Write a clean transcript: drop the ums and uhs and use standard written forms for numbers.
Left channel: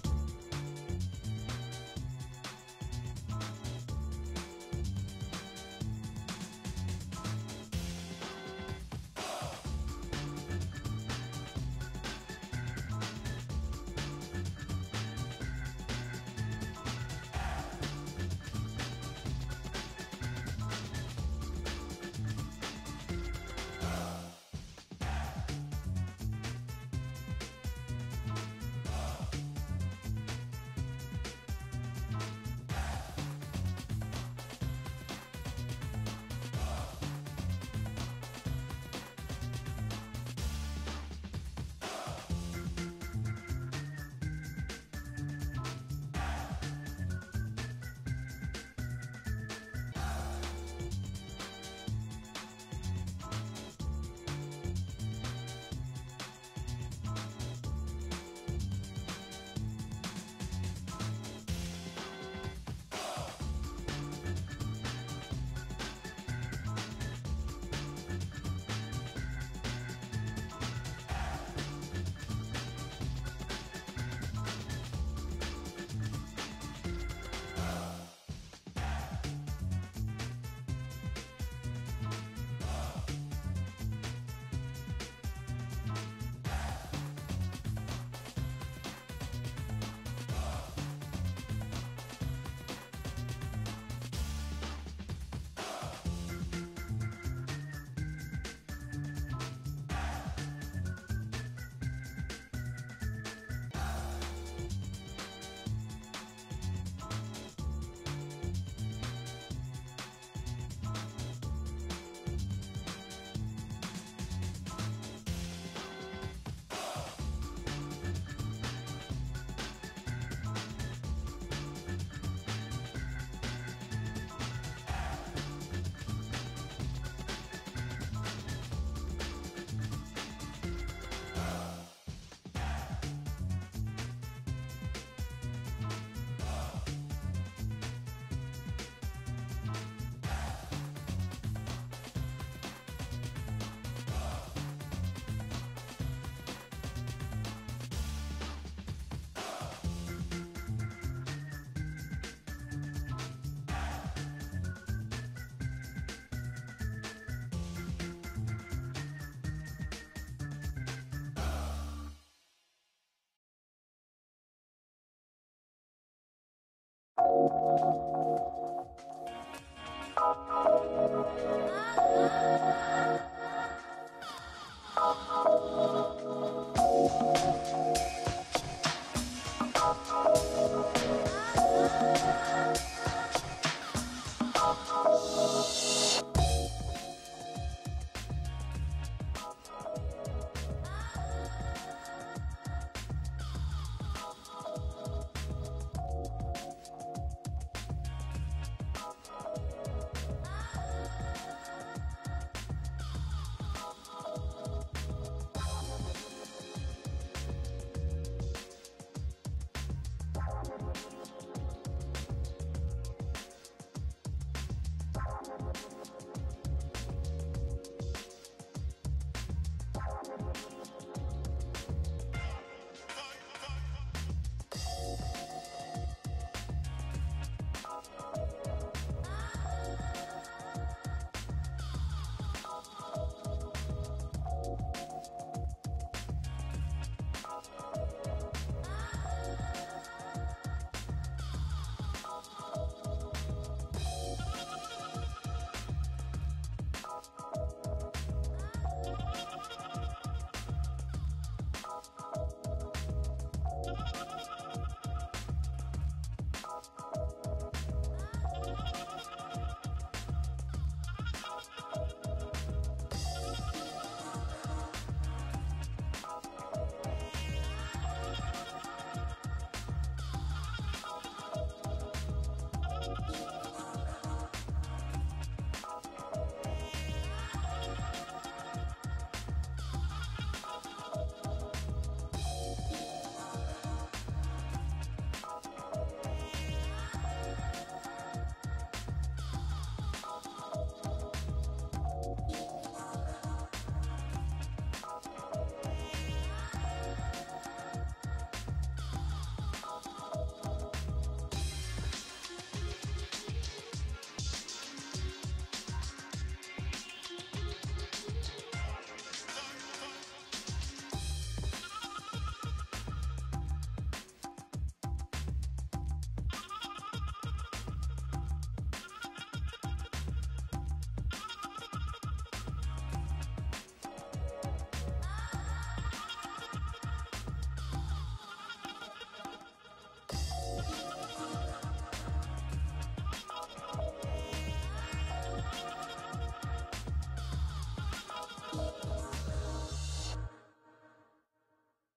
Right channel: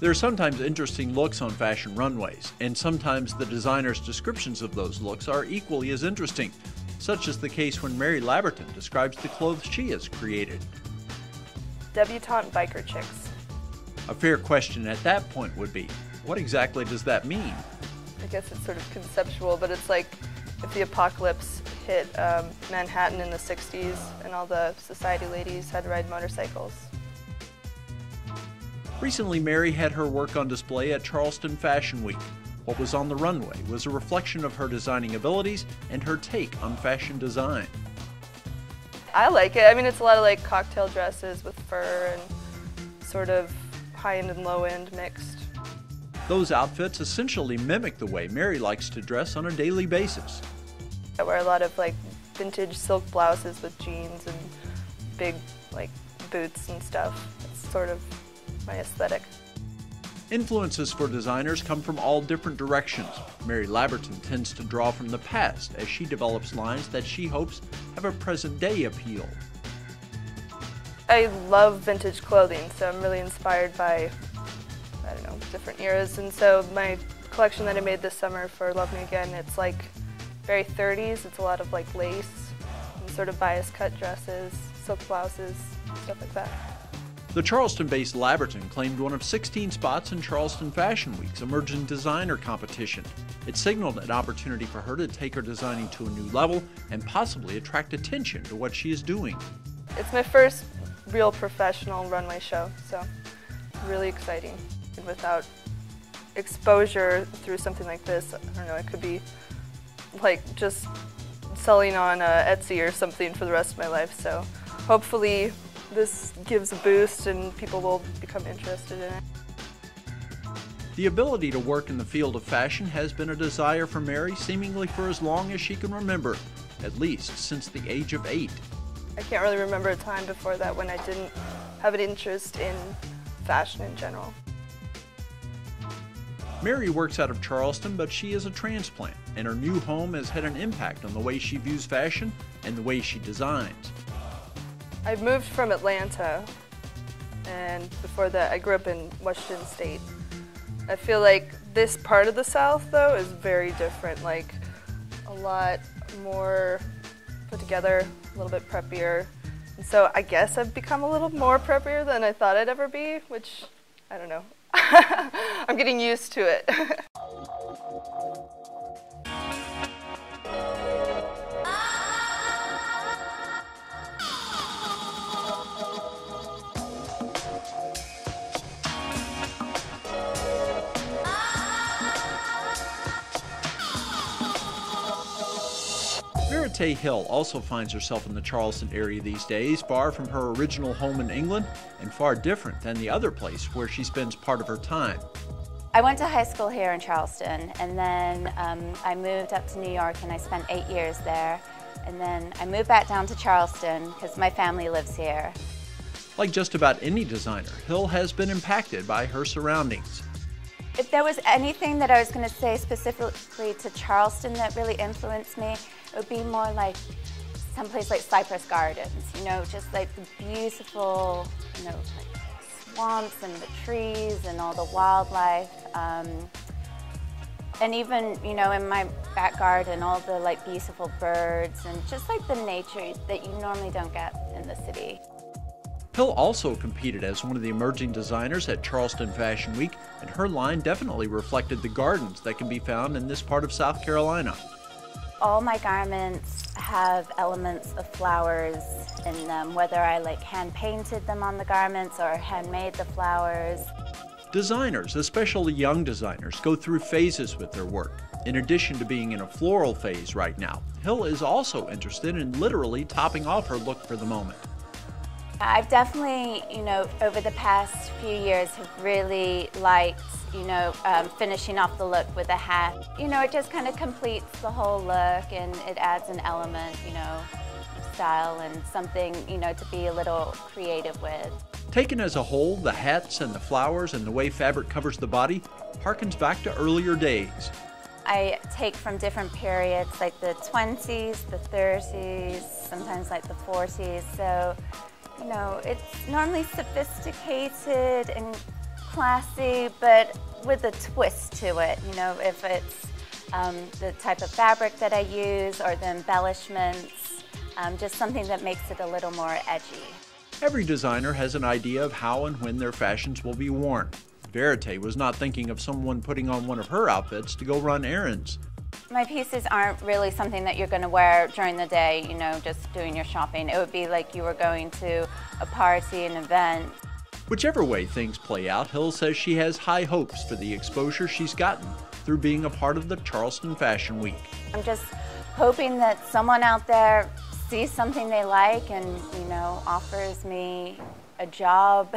There are sometimes interesting looks on fashion runways, and sometimes the designer's descriptions of those looks are equally as interesting, such is the case when Mary Labberton describes the clothes she has created. Debutante biker chicks. A fair question at that point would be, what exactly does that mean? I guess it's sort of conceptual, but it's like if the apocalypse hit Manhattan in the 60s and all the society ladies had to ride motorcycles. Recently, Mary had her work on display at Charleston Fashion Week. What was on the runway was a reflection of her designing abilities and her take on fashion design. I like it. I mean, it's a lot of like cocktail dresses with fur and sort of high-end and low-end mixed. Those outfits essentially mimic the way Mary likes to dress on a daily basis. I wear a lot of like vintage silk blouses with jeans and big like boots and stuff. It's sort of my aesthetic. Influences for designers come from all different directions. Mary Labberton tends to draw from the past as she develops lines that she hopes have a present-day appeal. I love vintage clothing, so I'm really inspired by, I don't know, different eras. And so my collection that I made this summer for Love Me Again, it's like very 30s. It's a lot of like lace, and sort of bias cut dresses, silk blouses, stuff like that. The Charleston-based Labberton claimed one of 16 spots in Charleston Fashion Week's Emerging Designer competition. It signaled an opportunity for her to take her designing to a new level and possibly attract attention to what she is doing. It's my first real professional runway show, so really exciting. And without exposure through something like this, I don't know, it could be like just selling on Etsy or something for the rest of my life. So hopefully this gives a boost and people will become interested in it. The ability to work in the field of fashion has been a desire for Mary seemingly for as long as she can remember, at least since the age of 8. I can't really remember a time before that when I didn't have an interest in fashion in general. Mary works out of Charleston, but she is a transplant, and her new home has had an impact on the way she views fashion and the way she designs. I moved from Atlanta, and before that I grew up in Washington State. I feel like this part of the South, though, is very different, like a lot more put together, a little bit preppier. And so I guess I've become a little more preppier than I thought I'd ever be, which, I don't know. I'm getting used to it. Veritee Hill also finds herself in the Charleston area these days, far from her original home in England and far different than the other place where she spends part of her time. I went to high school here in Charleston, and then I moved up to New York and I spent 8 years there. And then I moved back down to Charleston because my family lives here. Like just about any designer, Hill has been impacted by her surroundings. If there was anything that I was going to say specifically to Charleston that really influenced me, it would be more like someplace like Cypress Gardens, you know, just like the beautiful, you know, like swamps and the trees and all the wildlife. And even, you know, in my back garden, all the like beautiful birds and just like the nature that you normally don't get in the city. Hill also competed as one of the emerging designers at Charleston Fashion Week, and her line definitely reflected the gardens that can be found in this part of South Carolina. All my garments have elements of flowers in them, whether I like hand painted them on the garments or handmade the flowers. Designers, especially young designers, go through phases with their work. In addition to being in a floral phase right now, Hill is also interested in literally topping off her look for the moment. I've definitely, you know, over the past few years have really liked, you know, finishing off the look with a hat. You know, it just kind of completes the whole look and it adds an element, you know, style and something, you know, to be a little creative with. Taken as a whole, the hats and the flowers and the way fabric covers the body harkens back to earlier days. I take from different periods, like the 20s, the 30s, sometimes like the 40s, so you know, it's normally sophisticated and classy, but with a twist to it. You know, if it's the type of fabric that I use or the embellishments, just something that makes it a little more edgy. Every designer has an idea of how and when their fashions will be worn. Veritee was not thinking of someone putting on one of her outfits to go run errands. My pieces aren't really something that you're going to wear during the day, you know, just doing your shopping. It would be like you were going to a party, an event. Whichever way things play out, Hill says she has high hopes for the exposure she's gotten through being a part of the Charleston Fashion Week. I'm just hoping that someone out there sees something they like and, you know, offers me a job.